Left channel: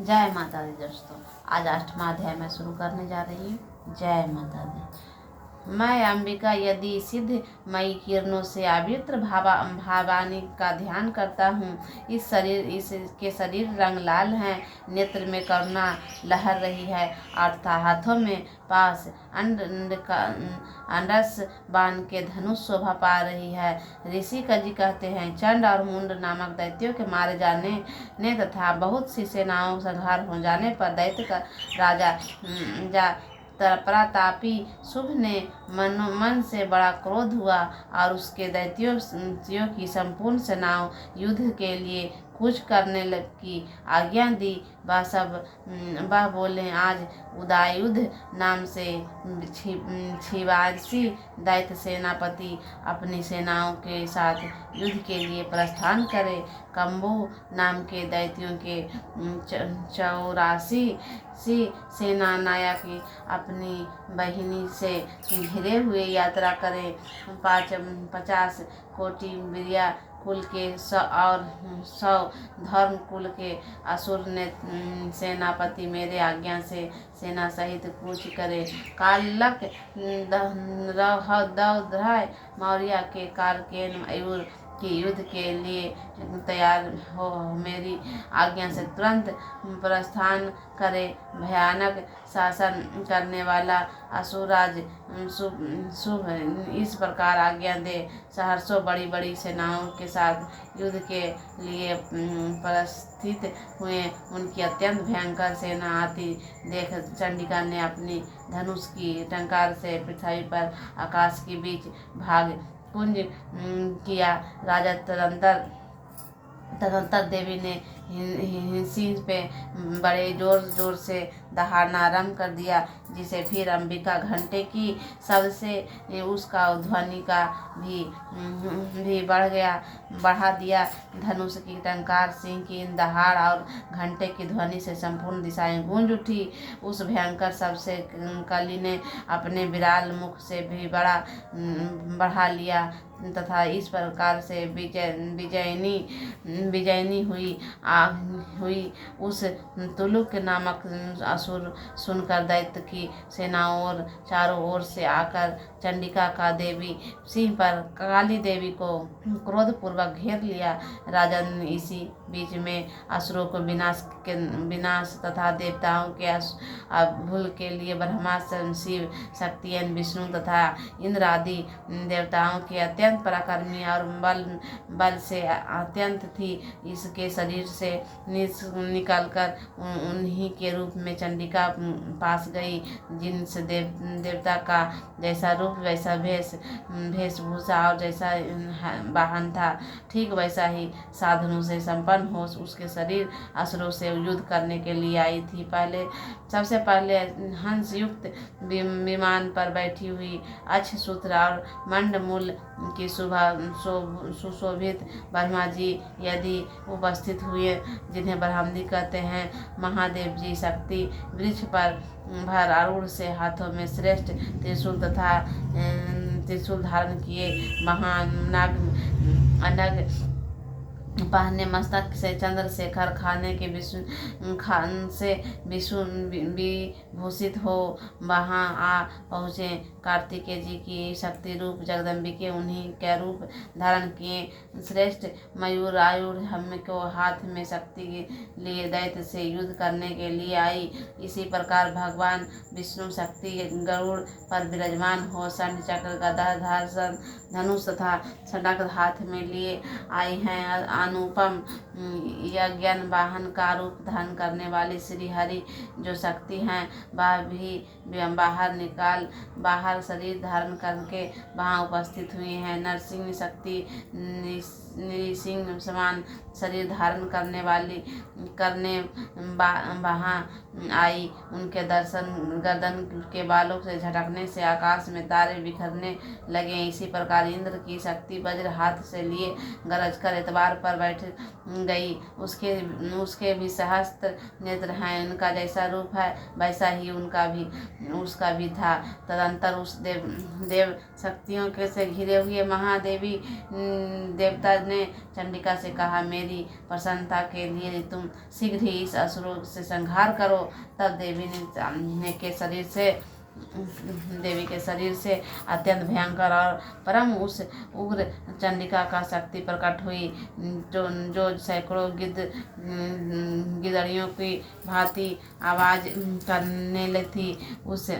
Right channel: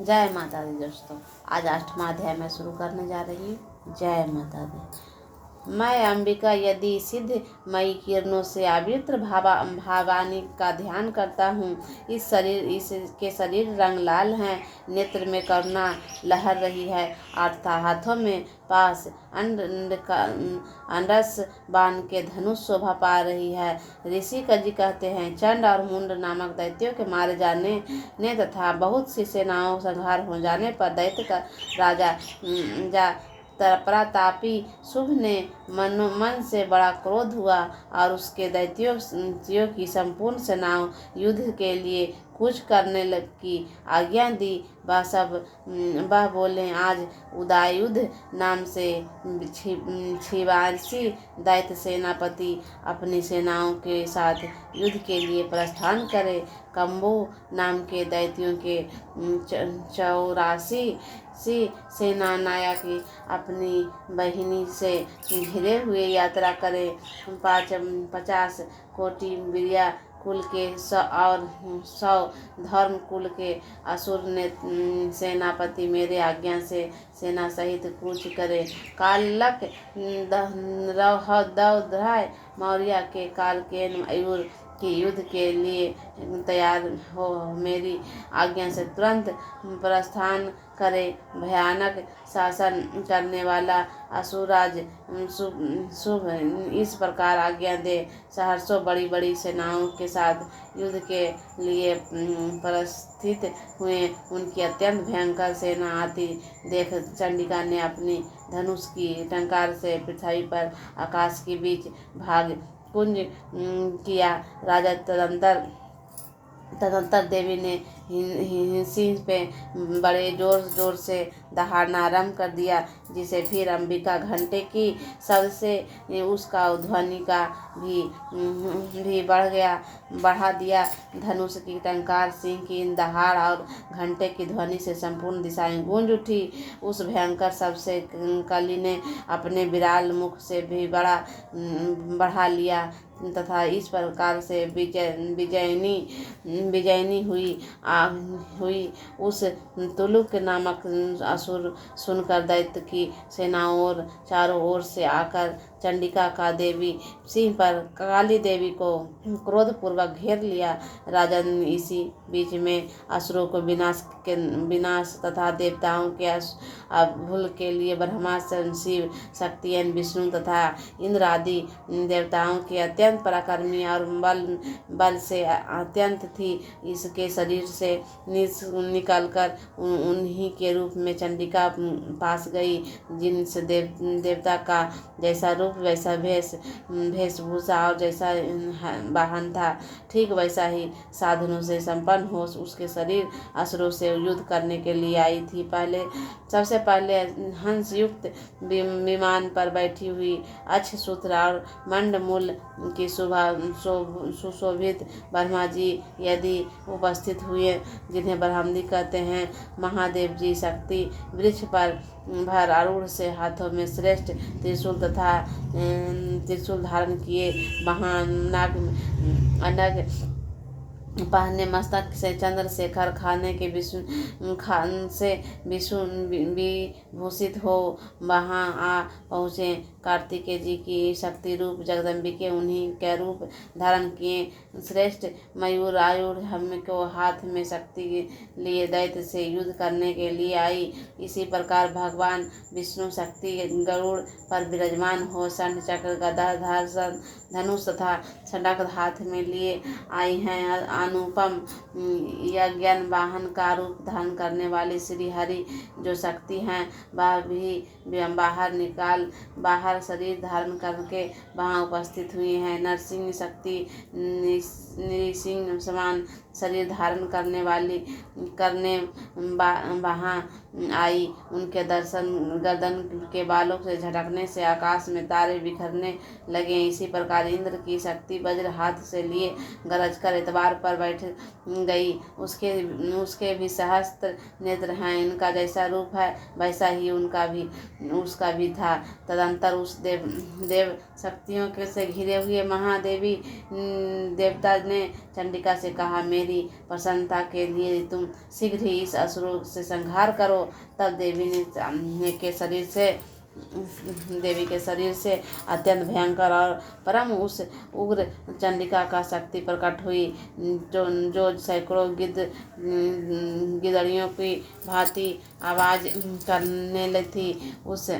जय माता दी दोस्तों, आज 8वां अध्याय मैं शुरू करने जा रही हूँ। जय माता दी। मैं अंबिका यदि सिद्ध मई किरणों से आवित्र भावानी का ध्यान करता हूँ। इसके शरीर रंग लाल हैं, नेत्र में करुणा लहर रही है, अर्थात हाथों में पास अंडस बाण के धनुष शोभा पा रही है। ऋषि कजी कहते हैं, चंड और मुंड नामक दैत्यों के मारे जाने ने तथा बहुत सी सेनाओं संहार हो जाने पर दैत्य का राजा प्रतापी शुभ ने मन से बड़ा क्रोध हुआ और उसके दैत्यों की संपूर्ण सेनाओं युद्ध के लिए कूच करने की आज्ञा दी। वह बोले, आज उदयुद्ध नाम से छिवासी दैत्य सेनापति अपनी सेनाओं के साथ युद्ध के लिए प्रस्थान करे। कंबो नाम के दैत्यों के 84 सेना नायक अपनी बहिनी से घिरे हुए यात्रा करे। 50 कोटि वीर्या कुल के 100 धर्म कुल के असुर ने सेनापति मेरे आज्ञा से सेना सहित कूच करे। कालक दौधराय मौर्य के कालकेन मयूर के युद्ध के लिए तैयार हो मेरी आज्ञा से तुरंत प्रस्थान करे। भयानक शासन करने वाला असुराज शुभ इस प्रकार आज्ञा दे। सहर्षों बड़ी बड़ी सेनाओं के साथ युद्ध के लिए प्रस्थित हुए। उनकी अत्यंत भयंकर सेना आती देख चंडिका ने अपनी धनुष की टंकार से पृथ्वी पर आकाश के बीच भाग कुंज किया। राजा तदंतर देवी ने हिंसी पे बड़े जोर से दहाड़ना आरंभ कर दिया, जिसे फिर अंबिका घंटे की शब्द से उसका ध्वनि का भी बढ़ा दिया। धनुष की टंकार, सिंह की दहाड़ और घंटे की ध्वनि से संपूर्ण दिशाएं गूंज उठी। उस भयंकर शब्द से कली ने अपने विराल मुख से भी बढ़ा लिया तथा इस प्रकार से विजयनी हुई। उस तुलुक नामक असुर सुनकर दैत्य की सेनाओं और चारों ओर से आकर चंडिका का देवी सिंह पर काली देवी को क्रोधपूर्वक घेर लिया। राजन इसी बीच में असुरों को विनाश तथा देवताओं के भूल के लिए ब्रह्मा, शिव, शक्ति एवं विष्णु तथा इंद्र आदि देवताओं के अत्यंत पराक्रमी और बल से अत्यंत थी। इसके शरीर से निकलकर उन्हीं के रूप में चंडिका पास गई, जिनसे देवता का जैसा रूप वैसा वेशभूषा और जैसा वाहन था, ठीक वैसा ही साधनों से संपन्न हो उसके शरीर असुरों से युद्ध करने के लिए आई थी। सबसे पहले हंस युक्त विमान पर बैठी हुई अक्षसूत्र और मंडमूल की सुशोभित ब्रह्मा जी यदि उपस्थित हुए, जिन्हें ब्रह्मदी कहते हैं। महादेव जी शक्ति वृक्ष पर भर आरूढ़ से हाथों में श्रेष्ठ त्रिशूल धारण किए, महानाग पहने, मस्तक से चंद्रशेखर खाने के विभूषित हो वहां आ पहुँचे। कार्तिकेय जी की शक्ति रूप जगदम्बिके उन्हीं के रूप धारण किए। श्रेष्ठ मयूर आयुर हमको हाथ में शक्ति लिए दैत्य से युद्ध करने के लिए आई। इसी प्रकार भगवान विष्णु शक्ति गरुड़ पर विराजमान हो शंख चक्र गदा धनुष तथा खड्ग हाथ में लिए आई हैं। अनुपम यज्ञ वाहन का रूप धारण करने वाली श्री हरि जो शक्ति हैं, वह भी बाहर शरीर धारण करके वहाँ उपस्थित हुई हैं। नरसिंह शक्ति नृसिंह समान शरीर धारण करने वहाँ आई। उनके गर्दन के बालों से झटकने से आकाश में तारे बिखरने लगे। इसी प्रकार इंद्र की शक्ति वज्र हाथ से लिए गरज कर एतबार पर बैठ गई। उसके भी सहस्त्र नेत्र हैं, उनका जैसा रूप है वैसा ही उसका भी था। तदंतर उस देव शक्तियों के से घिरे हुए महादेवी देवता ने चंडिका से कहा, मेरी प्रसन्नता के लिए तुम शीघ्र ही इस असुर से संहार करो। तब देवी के शरीर से अत्यंत भयंकर और परम उस उग्र चंडिका का शक्ति प्रकट हुई, जो सैकड़ों गिदड़ियों की भांति आवाज करने लगी थी। उस